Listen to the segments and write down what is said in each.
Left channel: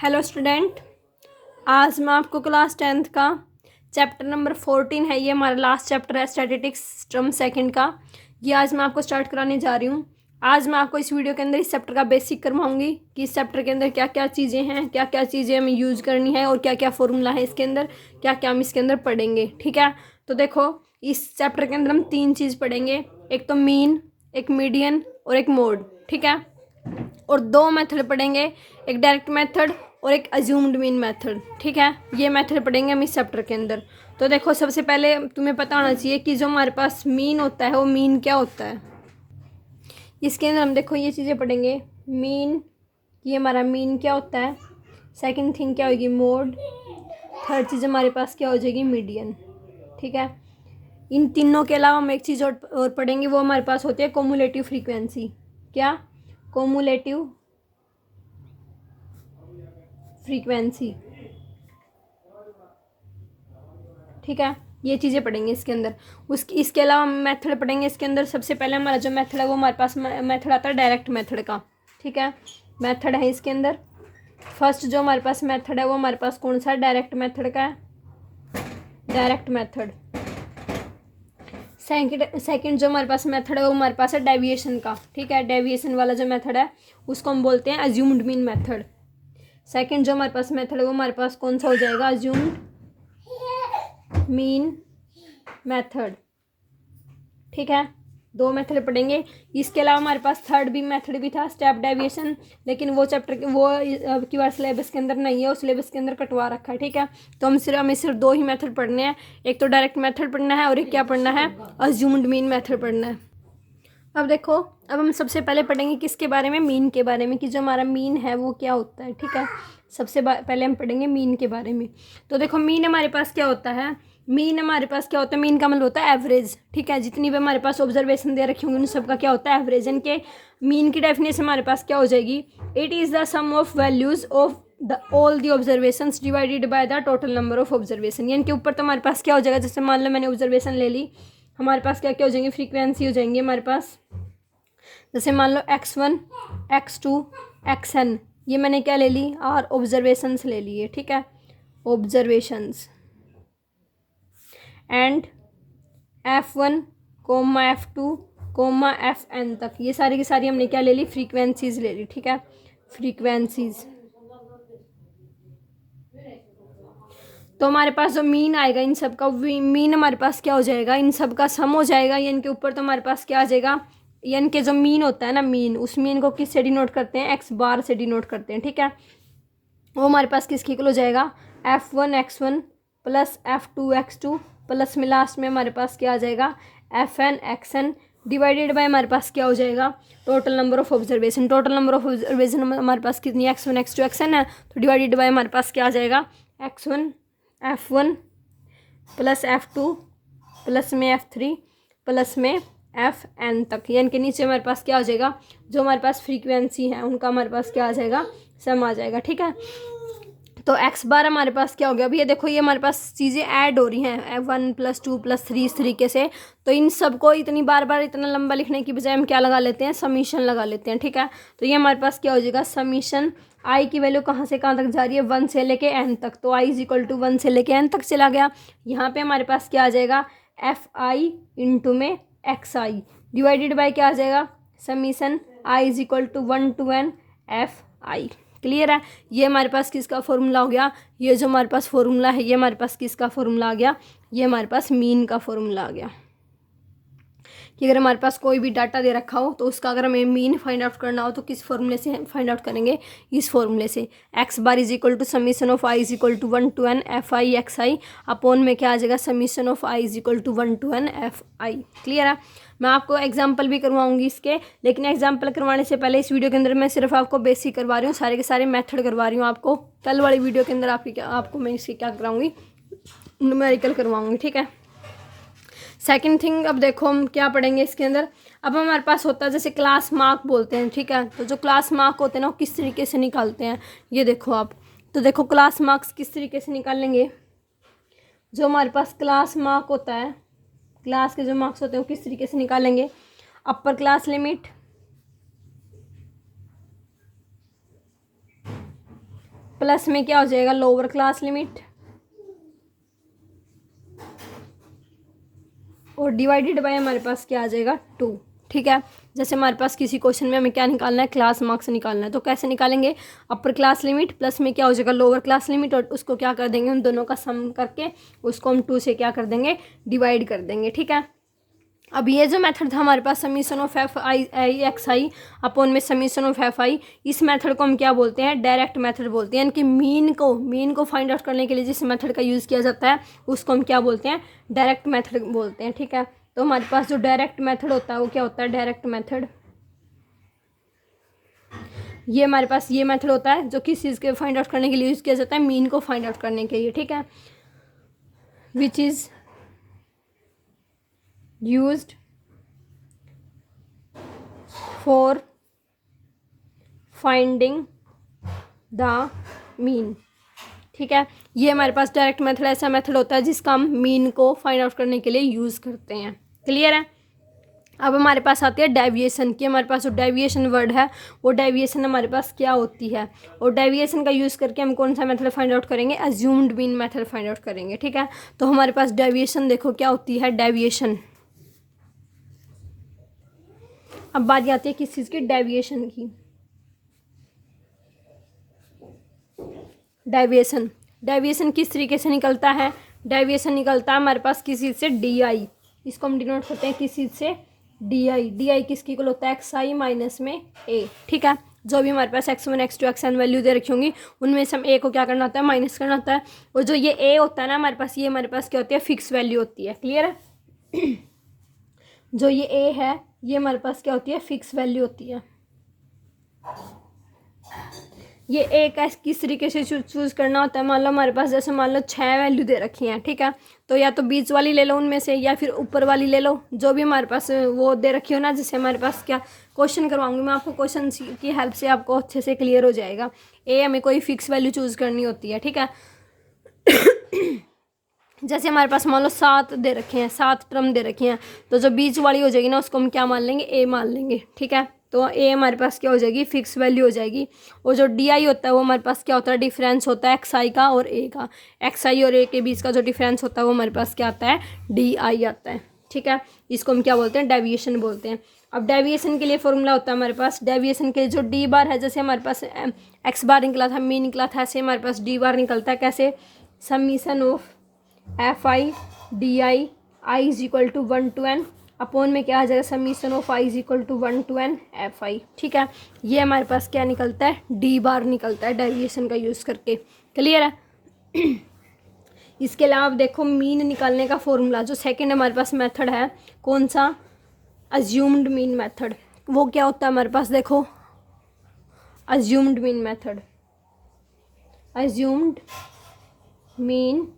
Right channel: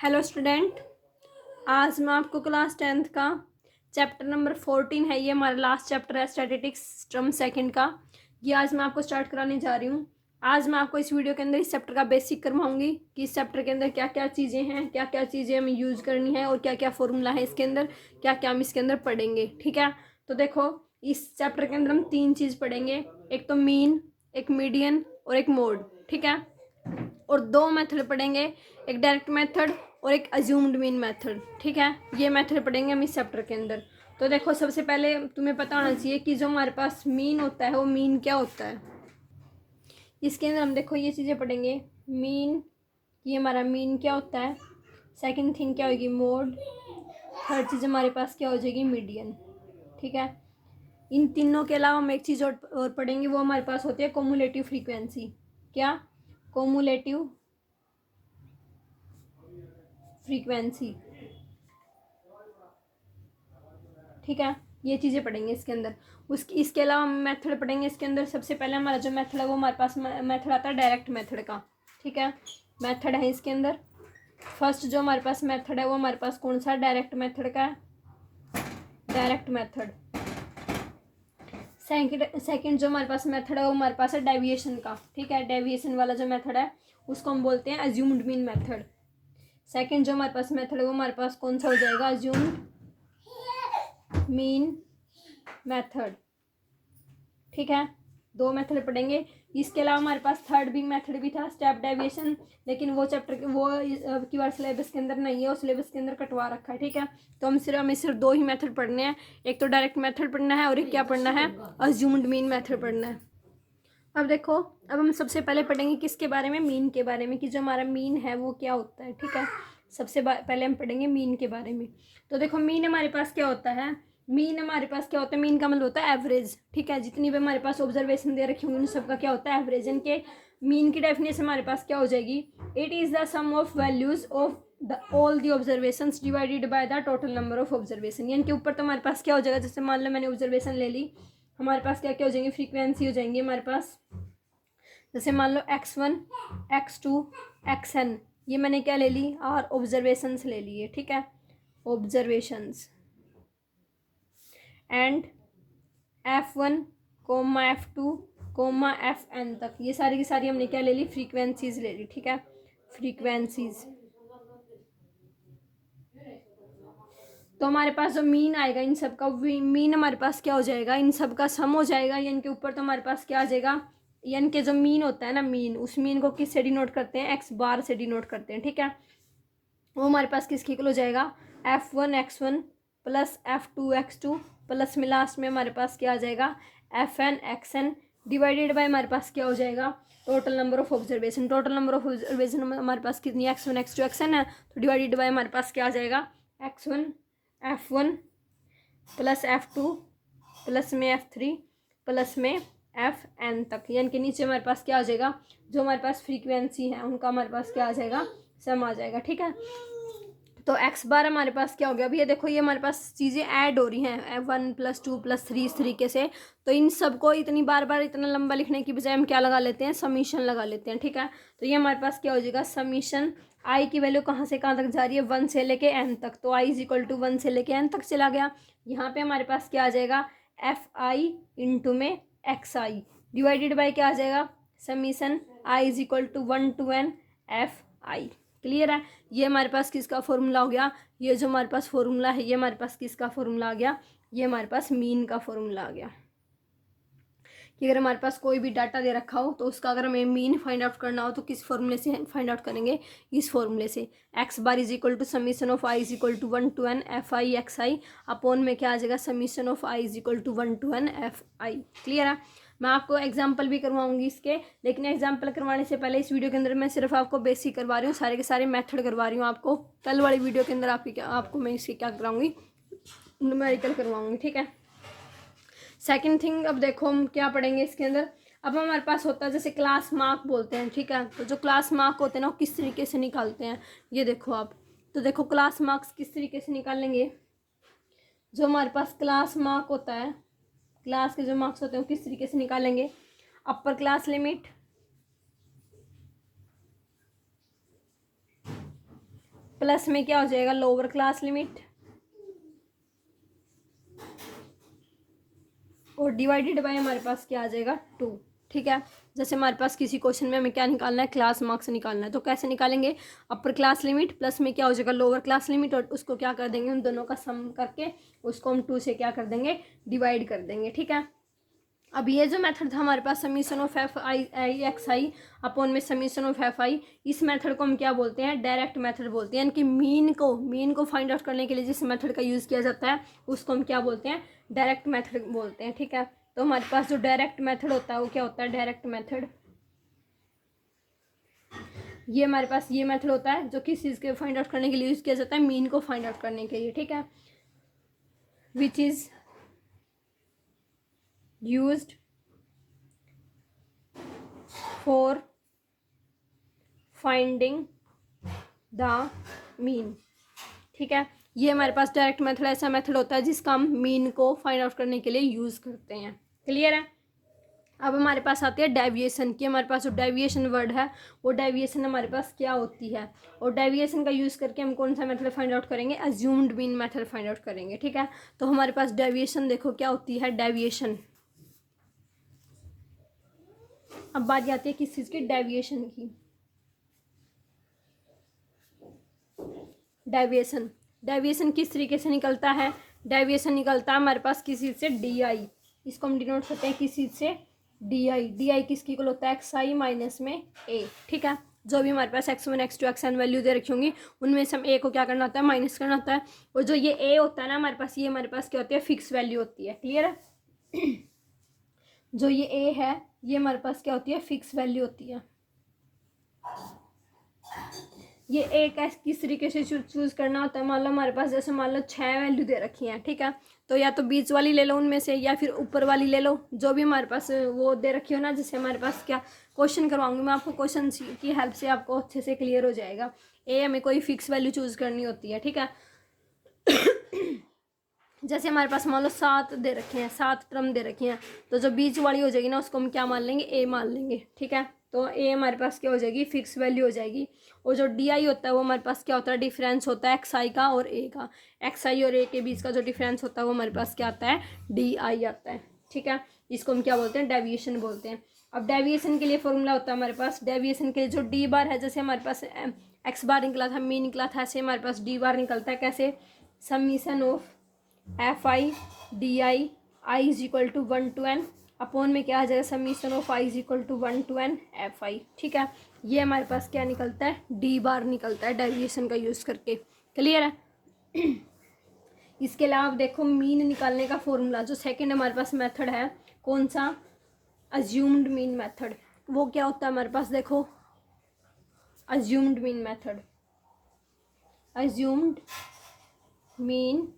Hello student, आज मैं आपको क्लास 10th का चैप्टर नंबर 14 है। ये हमारा लास्ट चैप्टर है स्टैटिस्टिक्स टर्म सेकंड का। ये आज मैं आपको स्टार्ट कराने जा रही हूँ। आज मैं आपको इस वीडियो के अंदर इस चैप्टर का बेसिक करवाऊंगी कि इस चैप्टर के अंदर क्या क्या चीज़ें हैं, क्या क्या चीज़ें हमें यूज़ करनी है और क्या क्या फॉर्मूला है इसके अंदर, क्या क्या हम इसके अंदर पढ़ेंगे। ठीक है, तो देखो इस चैप्टर के अंदर हम 3 चीज़ पढ़ेंगे। एक तो मीन, एक मीडियन और एक मोड। ठीक है, और 2 मेथड पढ़ेंगे, एक डायरेक्ट मेथड और एक अज्यूम्ड मीन मेथड। ठीक है, ये मेथड पढ़ेंगे हम इस चैप्टर के अंदर। तो देखो सबसे पहले तुम्हें पता होना चाहिए कि जो हमारे पास मीन होता है वो मीन क्या होता है। इसके अंदर हम देखो ये चीज़ें पढ़ेंगे। मीन, ये हमारा मीन क्या होता है। सेकंड थिंग क्या होगी, मोड। थर्ड चीज़ हमारे पास क्या हो जाएगी, मीडियन। ठीक है, इन तीनों के अलावा हम एक चीज़ और पढ़ेंगे, वो हमारे पास होती है कोमुलेटिव फ्रीक्वेंसी। क्या, कोमुलेटिव फ्रीक्वेंसी। ठीक है, ये चीज़ें पढ़ेंगे इसके अंदर। इसके अलावा मेथड पढ़ेंगे इसके अंदर। सबसे पहले हमारा जो मेथड है वो हमारे पास मेथड आता है डायरेक्ट मेथड का। ठीक है, मेथड है इसके अंदर। फर्स्ट जो हमारे पास मेथड है वो हमारे पास कौन सा है, डायरेक्ट मेथड का है, डायरेक्ट मेथड। सेकंड जो हमारे पास मेथड है वो हमारे पास है डेविएशन का। ठीक है, डेविएशन वाला जो मेथड है उसको हम बोलते हैं अज्यूम्ड मीन मेथड। सेकंड जो हमारे पास मेथड है वो हमारे पास कौन सा हो जाएगा, अज्यूम्ड मीन मेथड। ठीक है, 2 मेथड पढ़ेंगे। इसके अलावा हमारे पास थर्ड भी मेथड भी था, स्टेप डेविएशन, लेकिन वो चैप्टर वो अब की बार सिलेबस के अंदर नहीं है, वो सिलेबस के अंदर कटवा रखा है। ठीक है, तो हमें सिर्फ 2 ही मेथड पढ़ने हैं। एक तो डायरेक्ट मेथड पढ़ना है और एक क्या पढ़ना है, अज्यूम्ड मीन मेथड पढ़ना है। अब देखो, अब हम सबसे पहले पढ़ेंगे किसके बारे में, मीन के बारे में, कि जो हमारा मीन है वो क्या होता है। ठीक है, सबसे पहले हम पढ़ेंगे मीन के बारे में। तो देखो मीन हमारे पास क्या होता है, मीन हमारे पास क्या होता है, मीन का मतलब होता है एवरेज। ठीक है, जितनी भी हमारे पास ऑब्जर्वेशन दे रखी होंगी उन सबका क्या होता है, एवरेज। इनके मीन की डेफिनेशन हमारे पास क्या हो जाएगी, it is the sum of values of all the observations divided by the total number of observation. यानी कि ऊपर तो हमारे पास क्या हो जाएगा, जैसे मान लो मैंने ऑब्जर्वेशन ले ली, हमारे पास क्या क्या हो जाएंगे, फ्रीक्वेंसी हो जाएंगी हमारे पास। जैसे मान लो x1, x2, xn, ये मैंने क्या ले ली, और ऑब्जर्वेशंस ले लिए। ठीक है, observations and f1, f2, fn तक, ये सारी की सारी हमने क्या ले ली, फ्रीक्वेंसीज ले ली। ठीक है, फ्रीक्वेंसीज। तो हमारे पास जो मीन आएगा इन सब का, मीन हमारे पास क्या हो जाएगा, इन सब का सम हो जाएगा। यानी के ऊपर तो हमारे पास क्या आ जाएगा, यानी कि जो मीन होता है ना, मीन, उस मीन को किस से डिनोट करते हैं, एक्स बार से डिनोट करते हैं। ठीक है, वो हमारे पास किसकी इक्वल हो जाएगा, f1x1 प्लस f2x2 प्लस में लास्ट में हमारे पास क्या आ जाएगा, fn(xn) डिवाइडेड बाय हमारे पास क्या हो जाएगा, total number of observation. Total number of observation हमारे पास कितनी, x1 x2 xn है, तो डिवाइडेड बाय हमारे पास क्या आ जाएगा, x1 f1 plus f2 plus में f3 प्लस में fn तक। यानी कि नीचे हमारे पास क्या आ जाएगा, जो हमारे पास फ्रीक्वेंसी है उनका हमारे पास क्या आ जाएगा, सम आ जाएगा। ठीक है, तो x बार हमारे पास क्या हो गया, अभी ये देखो ये हमारे पास चीज़ें ऐड हो रही हैं, 1+2+3 इस तरीके से। तो इन सबको इतनी बार बार इतना लंबा लिखने की बजाय हम क्या लगा लेते हैं, समीशन लगा लेते हैं। ठीक है, तो ये हमारे पास क्या हो जाएगा, समीशन। आई की वैल्यू कहाँ से कहाँ तक जा रही है, 1 से लेके n तक, तो i इज इक्वल टू 1 से लेके n तक चला गया। यहाँ पे हमारे पास क्या आ जाएगा, fi इंटू में xi डिवाइडेड बाई क्या आ जाएगा, summation i is equal to 1 to n fi। Clear है, ये हमारे पास किसका फॉर्मूला हो गया, ये जो हमारे पास फॉर्मूला है ये हमारे पास किसका फॉर्मूला आ गया, ये हमारे पास मीन का फॉर्मूला आ गया। कि अगर हमारे पास कोई भी डाटा दे रखा हो तो उसका अगर हमें मीन फाइंड आउट करना हो तो किस फॉर्मूले से फाइंड आउट करेंगे, इस फॉर्मूले से। X bar is equal to summation of I is equal to 1 to n fi(xi) upon में क्या आ जाएगा, summation of I is equal to 1 to n fi। Clear है, मैं आपको एग्जाम्पल भी करवाऊंगी इसके, लेकिन एग्जाम्पल करवाने से पहले इस वीडियो के अंदर मैं सिर्फ आपको बेसिक करवा रही हूँ, सारे के सारे मेथड करवा रही हूँ आपको। कल वाली वीडियो के अंदर आपको मैं इसकी क्या कराऊंगी, न्यूमेरिकल करवाऊंगी। ठीक है, सेकंड थिंग, अब देखो हम क्या पढ़ेंगे इसके अंदर। अब हमारे पास होता है जैसे क्लास मार्क बोलते हैं। ठीक है, तो जो क्लास मार्क होते हैं ना वो किस तरीके से निकालते हैं, ये देखो आप। तो देखो क्लास मार्क्स किस तरीके से निकालेंगे, जो हमारे पास क्लास मार्क होता है, क्लास के जो मार्क्स होते हैं वो किस तरीके से निकालेंगे, अपर क्लास लिमिट प्लस में क्या हो जाएगा लोअर क्लास लिमिट, और डिवाइडेड बाय हमारे पास क्या आ जाएगा 2। ठीक है, जैसे हमारे पास किसी क्वेश्चन में हमें क्या निकालना है, क्लास मार्क्स निकालना है, तो कैसे निकालेंगे, अपर क्लास लिमिट प्लस में क्या हो जाएगा लोअर क्लास लिमिट, और उसको क्या कर देंगे, उन दोनों का सम करके उसको हम 2 से क्या कर देंगे, डिवाइड कर देंगे। ठीक है, अब ये जो मेथड था हमारे पास summation of F I x I upon में समीशन ऑफ एफ आई, इस मेथड को हम क्या बोलते हैं, डायरेक्ट मेथड बोलते हैं। यानी कि मीन को फाइंड आउट करने के लिए जिस मेथड का यूज़ किया जाता है उसको हम क्या बोलते हैं, डायरेक्ट मेथड बोलते हैं। ठीक है, तो हमारे पास जो डायरेक्ट मेथड होता है वो क्या होता है, डायरेक्ट मेथड, ये हमारे पास ये मेथड होता है जो किस चीज़ के फाइंड आउट करने के लिए यूज़ किया जाता है, मीन को फाइंड आउट करने के लिए। ठीक है, which is used for finding the mean. ठीक है, ये हमारे पास डायरेक्ट मेथड ऐसा मेथड होता है जिसका हम मीन को फाइंड आउट करने के लिए यूज़ करते हैं। क्लियर है। अब हमारे पास आती है डेविएशन की, हमारे पास जो डेविएशन वर्ड है वो डेविएशन हमारे पास क्या होती है, और डेविएशन का यूज़ करके हम कौन सा मेथड फाइंड आउट करेंगे, assumed mean method find out करेंगे। ठीक है, तो हमारे पास डेविएशन देखो क्या होती है, डेविएशन। अब बात आती है किस चीज़ की, डेविएशन की। डेविएशन किस तरीके से निकलता है, डेविएशन निकलता है हमारे पास किस चीज़ से, डी आई, इसको हम डिनोट करते हैं किस चीज़ से, डी आई किसकी इक्वल होता है, एक्स आई माइनस में ए। ठीक है, जो भी हमारे पास x1 x2 xn वैल्यू दे रखी होंगी उनमें से हम ए को क्या करना होता है, माइनस करना होता है, और जो ये ए होता है ना हमारे पास, ये हमारे पास क्या होती है, फिक्स वैल्यू होती है। क्लियर है। जो ये ए है ये हमारे पास क्या होती है, फिक्स वैल्यू होती है। ये ए का किस तरीके से चूज़ करना होता है, मान लो हमारे पास जैसे मान लो 6 वैल्यू दे रखी हैं। ठीक है, तो या तो बीच वाली ले लो उनमें से, या फिर ऊपर वाली ले लो, जो भी हमारे पास वो दे रखी हो ना, जिससे हमारे पास क्या क्वेश्चन करवाऊंगी मैं आपको, क्वेश्चन की हेल्प से आपको अच्छे से क्लियर हो जाएगा। ए हमें कोई फिक्स वैल्यू चूज़ करनी होती है। ठीक है, जैसे हमारे पास मान लो 7 दे रखे हैं, 7 टर्म दे रखी हैं, तो जो बीच वाली हो जाएगी ना उसको हम क्या मान लेंगे, ए मान लेंगे। ठीक है, तो ए हमारे पास क्या हो जाएगी, फिक्स वैल्यू हो जाएगी। और जो डी आई होता है वो हमारे पास क्या होता है, डिफरेंस होता है एक्स आई का और ए का, एक्स आई और ए के बीच का जो डिफरेंस होता है वो हमारे पास क्या आता है, डी आई आता है। ठीक है, इसको हम क्या बोलते हैं, डेविएशन बोलते हैं। अब डेविएशन के लिए फॉर्मूला होता है हमारे पास, डेविएशन के लिए जो डी बार है, जैसे हमारे पास एक्स बार निकला था, मी निकला था, ऐसे हमारे पास डी बार निकलता है। कैसे, summation of F I D i is equal to 1 to n upon में क्या आ जाएगा, summation of I is equal to 1 to n F I. ठीक है, ये हमारे पास क्या निकलता है, डी बार निकलता है डेविएशन का यूज़ करके। क्लियर है। इसके अलावा देखो मीन निकालने का फॉर्मूला, जो सेकंड हमारे पास मेथड है, कौन सा, अज्यूम्ड मीन मेथड, वो क्या होता है हमारे पास, देखो assumed mean method, assumed mean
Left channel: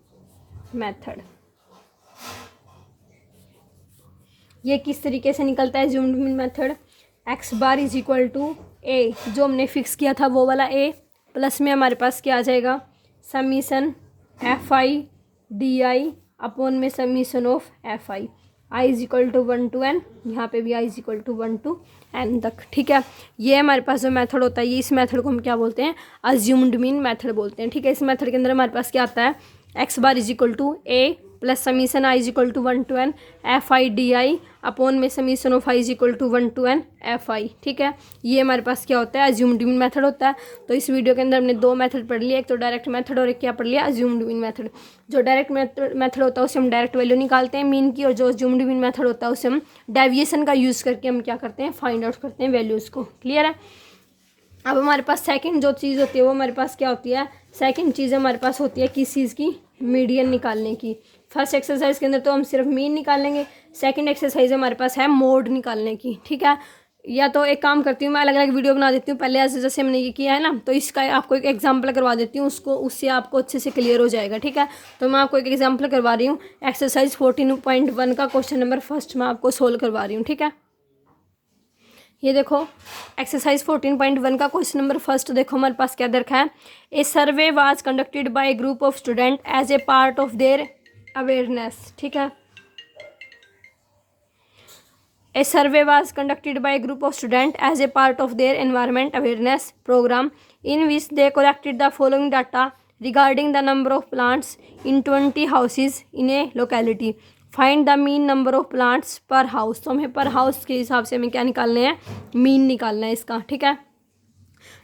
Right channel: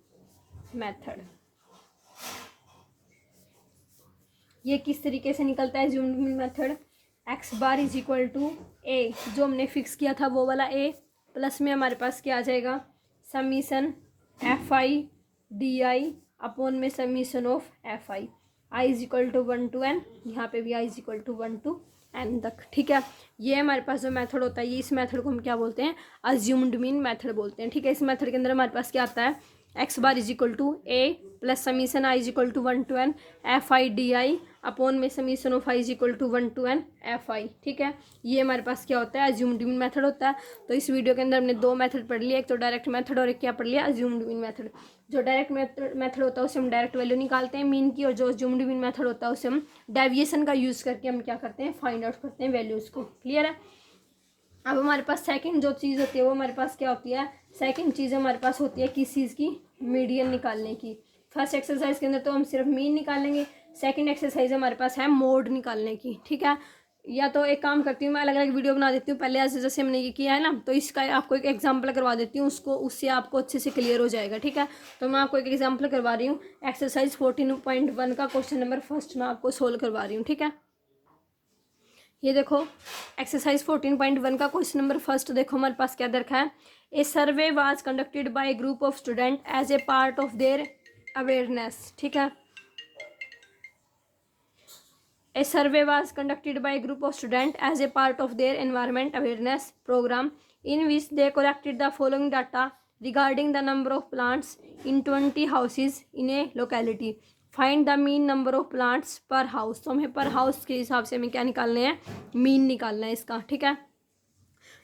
method, ये किस तरीके से निकलता है assumed mean method, X bar is equal to A, जो हमने फिक्स किया था वो वाला ए, प्लस में हमारे पास क्या आ जाएगा, summation F I D I upon में summation of F I is equal to 1 to n, यहाँ पे भी I is equal to 1 to n तक। ठीक है, ये हमारे पास जो मेथड होता है, ये इस मेथड को हम क्या बोलते हैं, अज्यूम्ड मीन मेथड बोलते हैं। ठीक है, इस मेथड के अंदर हमारे पास क्या आता है, x bar is equal to A plus summation I is equal to 1 to n F I D I upon में summation of I is equal to 1 to n F I. ठीक है, ये हमारे पास क्या होता है, अज्यूम्ड मीन मेथड होता है। तो इस वीडियो के अंदर हमने 2 मेथड पढ़ लिया, एक तो डायरेक्ट मेथड और एक क्या पढ़ लिया, अज्यूम्ड मीन मेथड। जो डायरेक्ट मेथड होता है उससे हम डायरेक्ट वैल्यू निकालते हैं मीन की, और जो अज्यूम्ड मीन मेथड होता है उससे हम डेविएशन का यूज़ करके हम क्या करते हैं, फाइंड आउट करते हैं वैल्यूज़ को। क्लियर है। अब हमारे पास सेकंड जो चीज़ होती है वो हमारे पास क्या होती है, सेकंड चीज़ हमारे पास होती है किस चीज़ की, मीडियन निकालने की। फर्स्ट एक्सरसाइज के अंदर तो हम सिर्फ मीन निकालेंगे, सेकंड एक्सरसाइज हमारे पास है मोड निकालने की। ठीक है, या तो एक काम करती हूँ मैं, अलग अलग वीडियो बना देती हूँ पहले, ऐसे जैसे हमने ये किया है ना, तो इसका आपको एक एग्जांपल करवा देती हूँ, उसको उससे आपको अच्छे से क्लियर हो जाएगा। ठीक है, तो मैं आपको एक एग्जांपल करवा रही हूँ, एक्सरसाइज 14.1 का क्वेश्चन नंबर फर्स्ट मैं आपको सोल्व करवा रही हूँ। ठीक है, ये देखो एक्सरसाइज 14.1 का क्वेश्चन नंबर फर्स्ट देखो हमारे पास क्या दे रखा है, a survey was conducted by a group of student as a part of their awareness. ठीक है, A survey was conducted by a group of students as a part of their environment awareness program in which they collected the following data regarding the number of plants in 20 houses in A locality. Find the mean number of plants पर house. तो हमें पर house के हिसाब से हमें क्या निकालने हैं, मीन निकालना है इसका, ठीक है।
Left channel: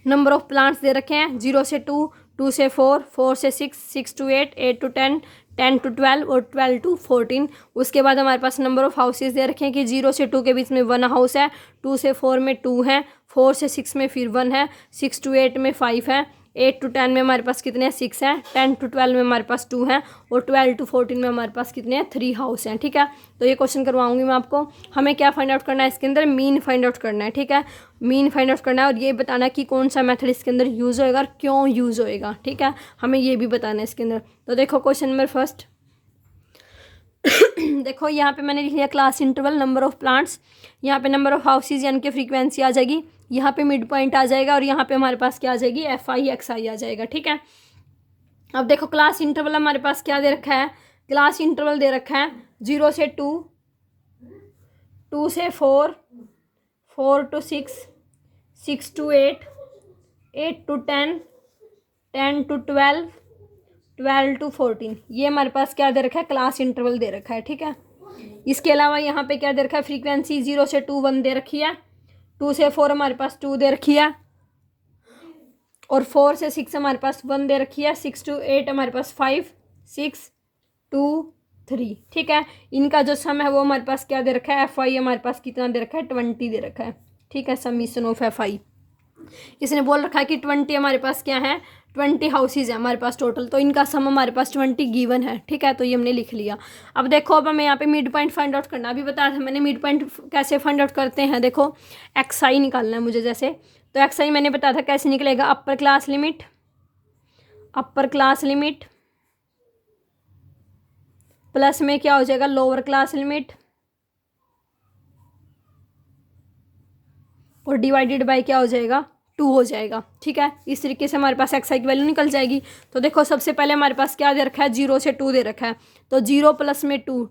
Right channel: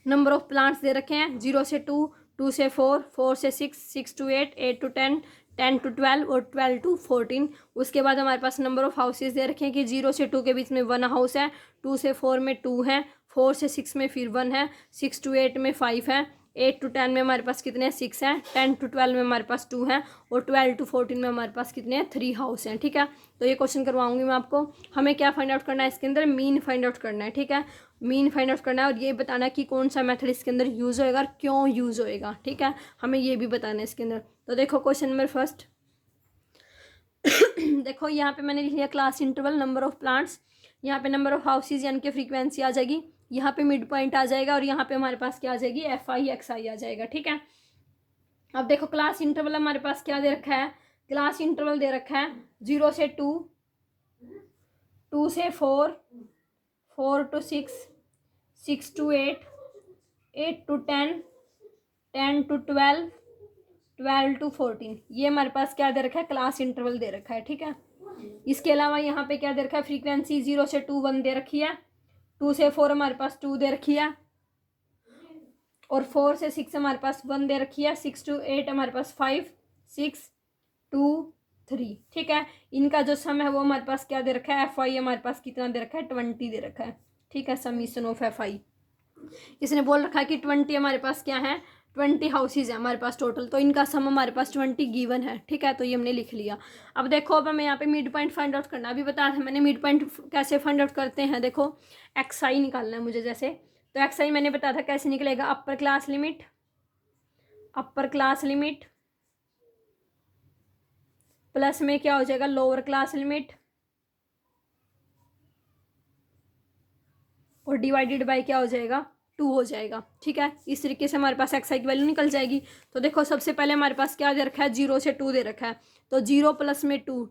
नंबर ऑफ प्लांट्स दे रखे हैं 0 से 2, 2 से 4, 4 से 6, 6 to 8, 8 to 10, 10 to 12 और 12 to 14। उसके बाद हमारे पास नंबर ऑफ हाउसेज दे रखे हैं कि 0 से 2 के बीच में 1 हाउस है, 2 से 4 में 2 है, 4 से 6 में फिर 1 है, 6 to 8 में 5 है, 8 to 10 में हमारे पास कितने हैं, 6 हैं, 10 to 12 में हमारे पास 2 हैं और 12 to 14 में हमारे पास कितने हैं, 3 हाउस हैं, ठीक है। तो ये क्वेश्चन करवाऊंगी मैं आपको। हमें क्या फाइंड आउट करना है इसके अंदर, मीन फाइंड आउट करना है, ठीक है। मीन फाइंड आउट करना है और ये बताना कि कौन सा मेथड इसके अंदर यूज़ होएगा और क्यों यूज़ होएगा, ठीक है। हमें ये भी बताना है इसके अंदर। तो देखो क्वेश्चन नंबर फर्स्ट देखो यहाँ पे मैंने लिख लिया class interval, number of plants, यहाँ पे नंबर ऑफ हाउसेज यानी कि फ्रीक्वेंसी आ जाएगी, यहाँ पे मिड पॉइंट आ जाएगा और यहाँ पे हमारे पास क्या आ जाएगी, FI आ जाएगा, ठीक है। अब देखो क्लास इंटरवल हमारे पास क्या दे रखा है, क्लास इंटरवल दे रखा है 0 से 2, 2 से 4, 4 to 6, 6 to 8, 8 to 10, 10 to 12, 12 to 14। ये हमारे पास क्या दे रखा है, क्लास इंटरवल दे रखा है, ठीक है। इसके अलावा यहाँ पे क्या दे रखा है, फ्रीक्वेंसी 0 से 2 1 दे रखी है, 2 से 4 हमारे पास 2 दे रखी है और 4 से 6 हमारे पास 1 दे रखी है, 6 to 8 हमारे पास 5, 6, 2, 3, ठीक है। इनका जो सम है वो हमारे पास क्या दे रखा है, FI हमारे पास कितना दे रखा है, 20 दे रखा है, ठीक है। समीशन ऑफ FI इसने बोल रखा है कि 20 हमारे पास क्या है, 20 हाउसेज है हमारे पास टोटल, तो इनका सम हमारे पास 20 गिवन है, ठीक है। तो ये हमने लिख लिया। अब देखो अब हमें यहाँ पे मिड पॉइंट फाइंड आउट करना, अभी बताया था मैंने मिड पॉइंट कैसे फाइंड आउट करते हैं। देखो XI निकालना है मुझे, जैसे तो XI मैंने बताया था कैसे निकलेगा, अपर क्लास लिमिट प्लस में क्या हो जाएगा, लोअर क्लास लिमिट और डिवाइडेड बाय क्या हो जाएगा, 2 हो जाएगा, ठीक है। इस तरीके से हमारे पास XI की वैल्यू निकल जाएगी। तो देखो सबसे पहले हमारे पास क्या दे रखा है, 0 से 2 दे रखा है, तो 0 प्लस में 2,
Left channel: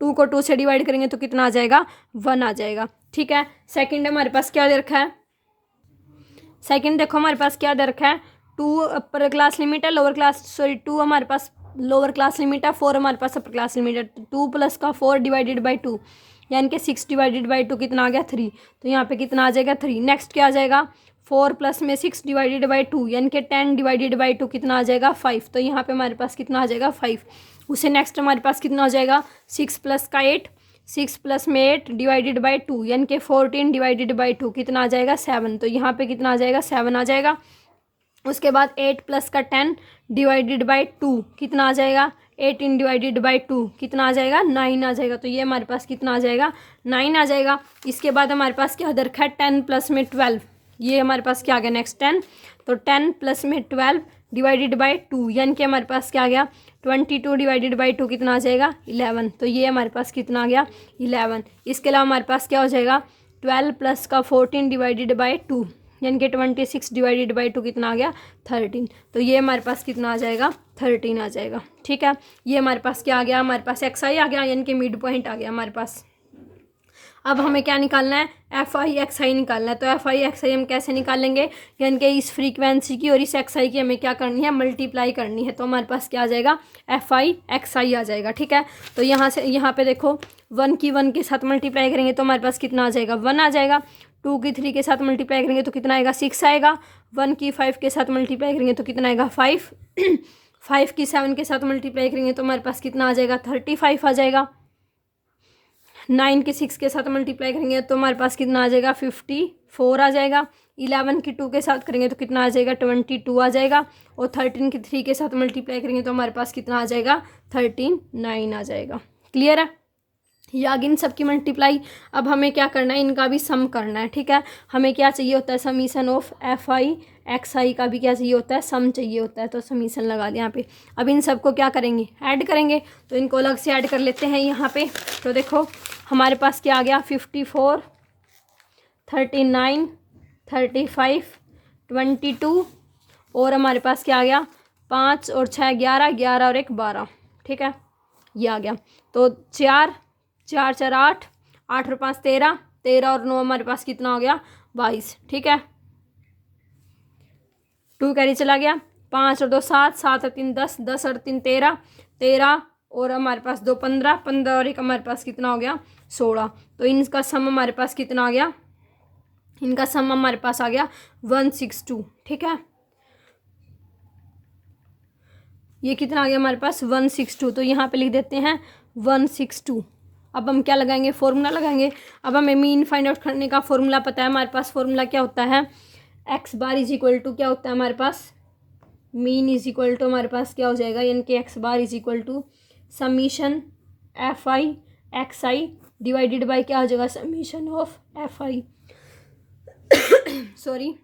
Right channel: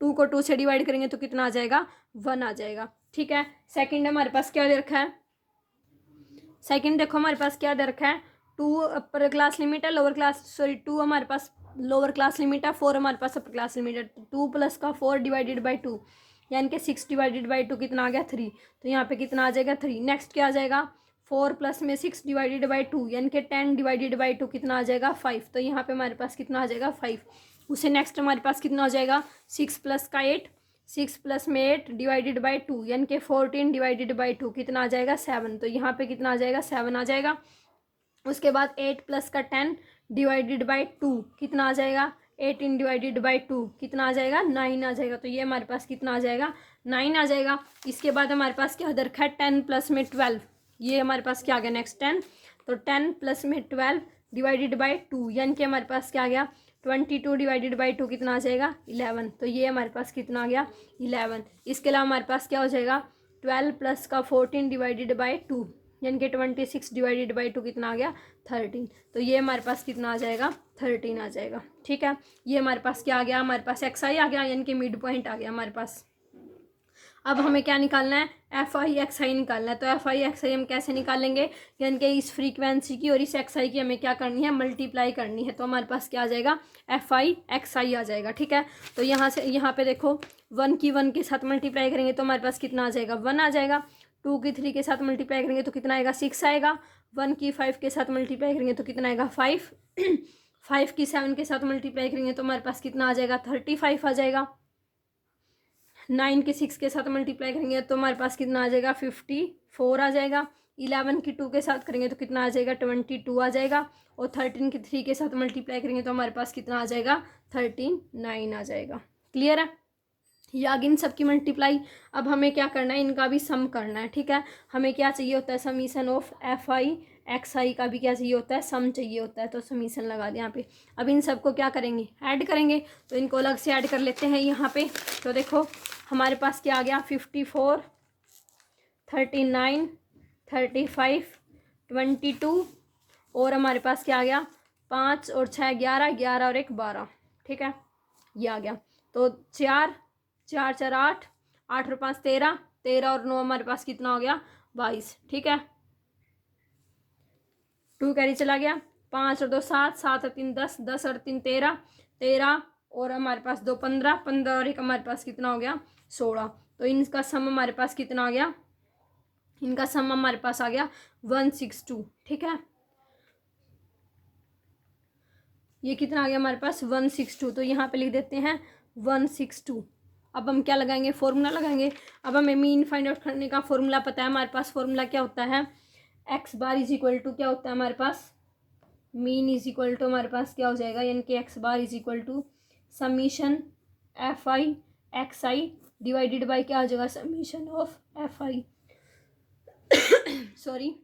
2 को 2 से डिवाइड करेंगे तो कितना आ जाएगा, 1 आ जाएगा, ठीक है। सेकंड हमारे पास क्या दे रखा है, सेकंड देखो हमारे पास क्या दे रखा है, 2 अपर क्लास लिमिट है, लोअर क्लास सॉरी 2 हमारे पास लोअर क्लास लिमिट है, 4 हमारे पास अपर क्लास लिमिट है, 2 प्लस का 4 डिवाइडेड बाई 2 यानी कि 6 डिवाइडेड बाई 2 कितना आ गया, 3। तो यहाँ पे कितना आ जाएगा, 3। नेक्स्ट क्या आ जाएगा, 4 प्लस में 6 डिवाइडेड बाई 2 यानी कि 10 डिवाइडेड बाई 2 कितना आ जाएगा, 5। तो यहाँ पे हमारे पास कितना आ जाएगा, 5। उससे नेक्स्ट हमारे पास कितना हो जाएगा, 6 प्लस का 8, 6 प्लस में 8 डिवाइडेड बाई 2 यानी कि 14 डिवाइडेड बाई 2 कितना आ जाएगा, 7। तो यहाँ पे कितना आ जाएगा, 7 आ जाएगा। उसके बाद 8 प्लस का 10 डिवाइडेड बाई 2 कितना आ जाएगा, 18 डिवाइडेड बाई 2 कितना आ जाएगा, 9 आ जाएगा। तो ये हमारे पास कितना आ जाएगा, 9 आ जाएगा। इसके बाद हमारे पास क्या दर है, 10 प्लस में 12, ये हमारे पास क्या आ गया, नेक्स्ट 10। तो 10 प्लस में 12 डिवाइडेड बाई 2 यानी कि हमारे पास क्या आ गया, 22 डिवाइडेड बाई 2 कितना आ जाएगा, 11। तो ये हमारे पास कितना आ गया, 11। इसके अलावा हमारे पास क्या हो जाएगा, 12 प्लस का 14 डिवाइडेड बाई 2 यानी कि 26 डिवाइडेड बाई 2 कितना आ गया, 13। तो ये हमारे पास कितना आ जाएगा, 13 आ जाएगा, ठीक है। ये हमारे पास क्या आ गया, हमारे पास XI आ गया यानी कि मिड पॉइंट आ गया हमारे पास। अब हमें क्या निकालना है, FI XI निकालना है। तो FI XI हम कैसे निकालेंगे, यानी कि इस फ्रीक्वेंसी की और इस XI की हमें क्या करनी है, मल्टीप्लाई करनी है। तो हमारे पास क्या आ जाएगा, FI XI आ जाएगा, ठीक है। तो यहाँ से यहाँ पे देखो 1 की 1 के साथ मल्टीप्लाई करेंगे तो हमारे पास कितना आ जाएगा, 1 आ जाएगा। 2 की 3 के साथ मल्टीप्लाई करेंगे तो कितना आएगा, 6 आएगा। 1 की 5 के साथ मल्टीप्लाई करेंगे तो कितना आएगा, 5। 5 की 7 के साथ मल्टीप्लाई करेंगे तो हमारे पास कितना आ जाएगा, 35 आ जाएगा। 9 की 6 के साथ मल्टीप्लाई करेंगे तो हमारे पास कितना आ जाएगा, 54 आ जाएगा। 11 की 2 के साथ करेंगे तो कितना आ जाएगा, 22 आ जाएगा। और 13 की 3 के साथ मल्टीप्लाई करेंगे तो हमारे पास कितना आ जाएगा, 39 आ जाएगा। क्लियर है, या इन सब की मल्टीप्लाई। अब हमें क्या करना है, इनका भी सम करना है, ठीक है। हमें क्या चाहिए होता है, समीशन ऑफ FI XI का भी क्या चाहिए होता है, सम चाहिए होता है। तो समीशन लगा दिया यहाँ पे। अब इन सबको क्या करेंगे, ऐड करेंगे। तो इनको अलग से ऐड कर लेते हैं यहाँ पे। तो देखो हमारे पास क्या आ गया, 54, 39, 35, 22 और हमारे पास क्या आ गया, 5 और 6 11, 11 और 1 12, ठीक है। ये आ गया। तो 4 4 4 8, 8 और 5 13, 13 और 9 हमारे पास कितना हो गया, 22, ठीक है। 2 कैरी चला गया, 5 और 2 7, 7 और 3 10, 10 और 3 13, 13 और हमारे पास 2 15, 15 और 1 हमारे पास कितना हो गया 16। तो इनका सम हमारे पास कितना आ गया, इनका सम हमारे पास आ गया 162। ठीक है, ये कितना आ गया हमारे पास 162। तो यहाँ पे लिख देते हैं 162। अब हम क्या लगाएंगे, फॉर्मूला लगाएंगे। अब हमें मीन फाइंड आउट करने का फॉर्मूला पता है हमारे पास। फॉर्मूला क्या होता है, x bar is equal to क्या होता है हमारे पास, मीन इज इक्वल टू हमारे पास क्या हो जाएगा, यानी कि x bar is equal to summation F I x i divided by क्या हो जाएगा, summation of F i sorry,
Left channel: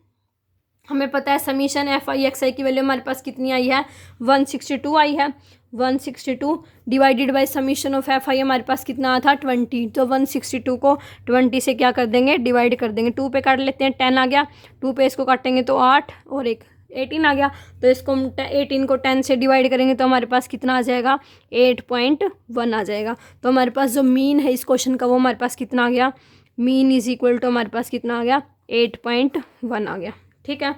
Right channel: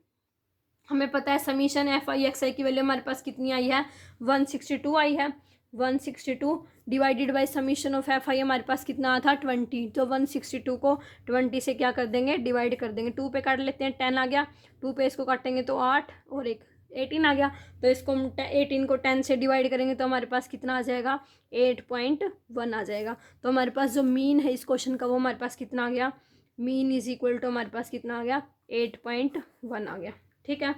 हमें पता है summation F I x i की वैल्यू हमारे पास कितनी आई है 162 आई है। 162 divided by summation of F I हमारे पास कितना आया था 20। तो 162 को 20 से क्या कर देंगे, डिवाइड कर देंगे। 2 पे काट लेते हैं, 10 आ गया। 2 पे इसको काटेंगे तो 8 और 1 18 आ गया। तो इसको हम 18 को 10 से डिवाइड करेंगे तो हमारे पास कितना आ जाएगा 8.1 आ जाएगा। तो हमारे पास जो मीन है इस क्वेश्चन का वो हमारे पास कितना आ गया, मीन इज इक्वल टू हमारे पास कितना आ गया 8.1 आ गया। ठीक है,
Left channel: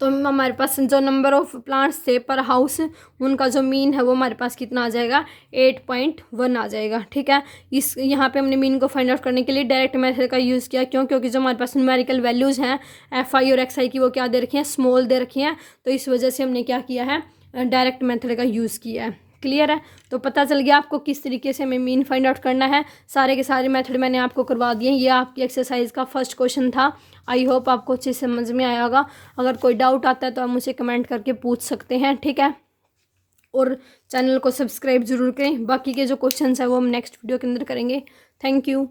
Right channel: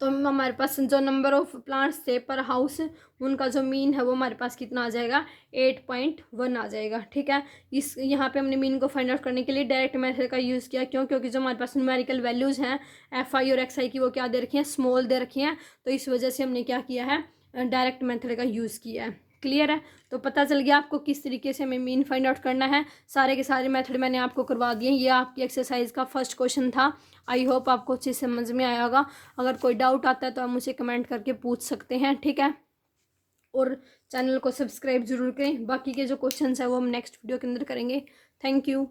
तो हमारे पास जो नंबर ऑफ प्लांट्स थे पर हाउस उनका जो मीन है वो हमारे पास कितना आ जाएगा 8.1 आ जाएगा। ठीक है, इस यहाँ पे हमने मीन को फाइंड आउट करने के लिए डायरेक्ट मेथड का यूज़ किया। क्यों, क्योंकि जो हमारे पास न्यूमेरिकल वैल्यूज़ हैं एफ आई और एक्स आई की वो क्या दे रखी हैं, स्मॉल दे रखी हैं। तो इस वजह से हमने क्या किया है, डायरेक्ट मेथड का यूज़ किया है। क्लियर है, तो पता चल गया आपको किस तरीके से हमें मीन फाइंड आउट करना है। सारे के सारे मेथड मैंने आपको करवा दिए। ये आपकी एक्सरसाइज का फर्स्ट क्वेश्चन था। आई होप आपको अच्छे से समझ में आया होगा। अगर कोई डाउट आता है तो आप मुझे कमेंट करके पूछ सकते हैं। ठीक है, और चैनल को सब्सक्राइब जरूर करें। बाकी के जो क्वेश्चन है वो हम नेक्स्ट वीडियो के अंदर करेंगे। Thank you.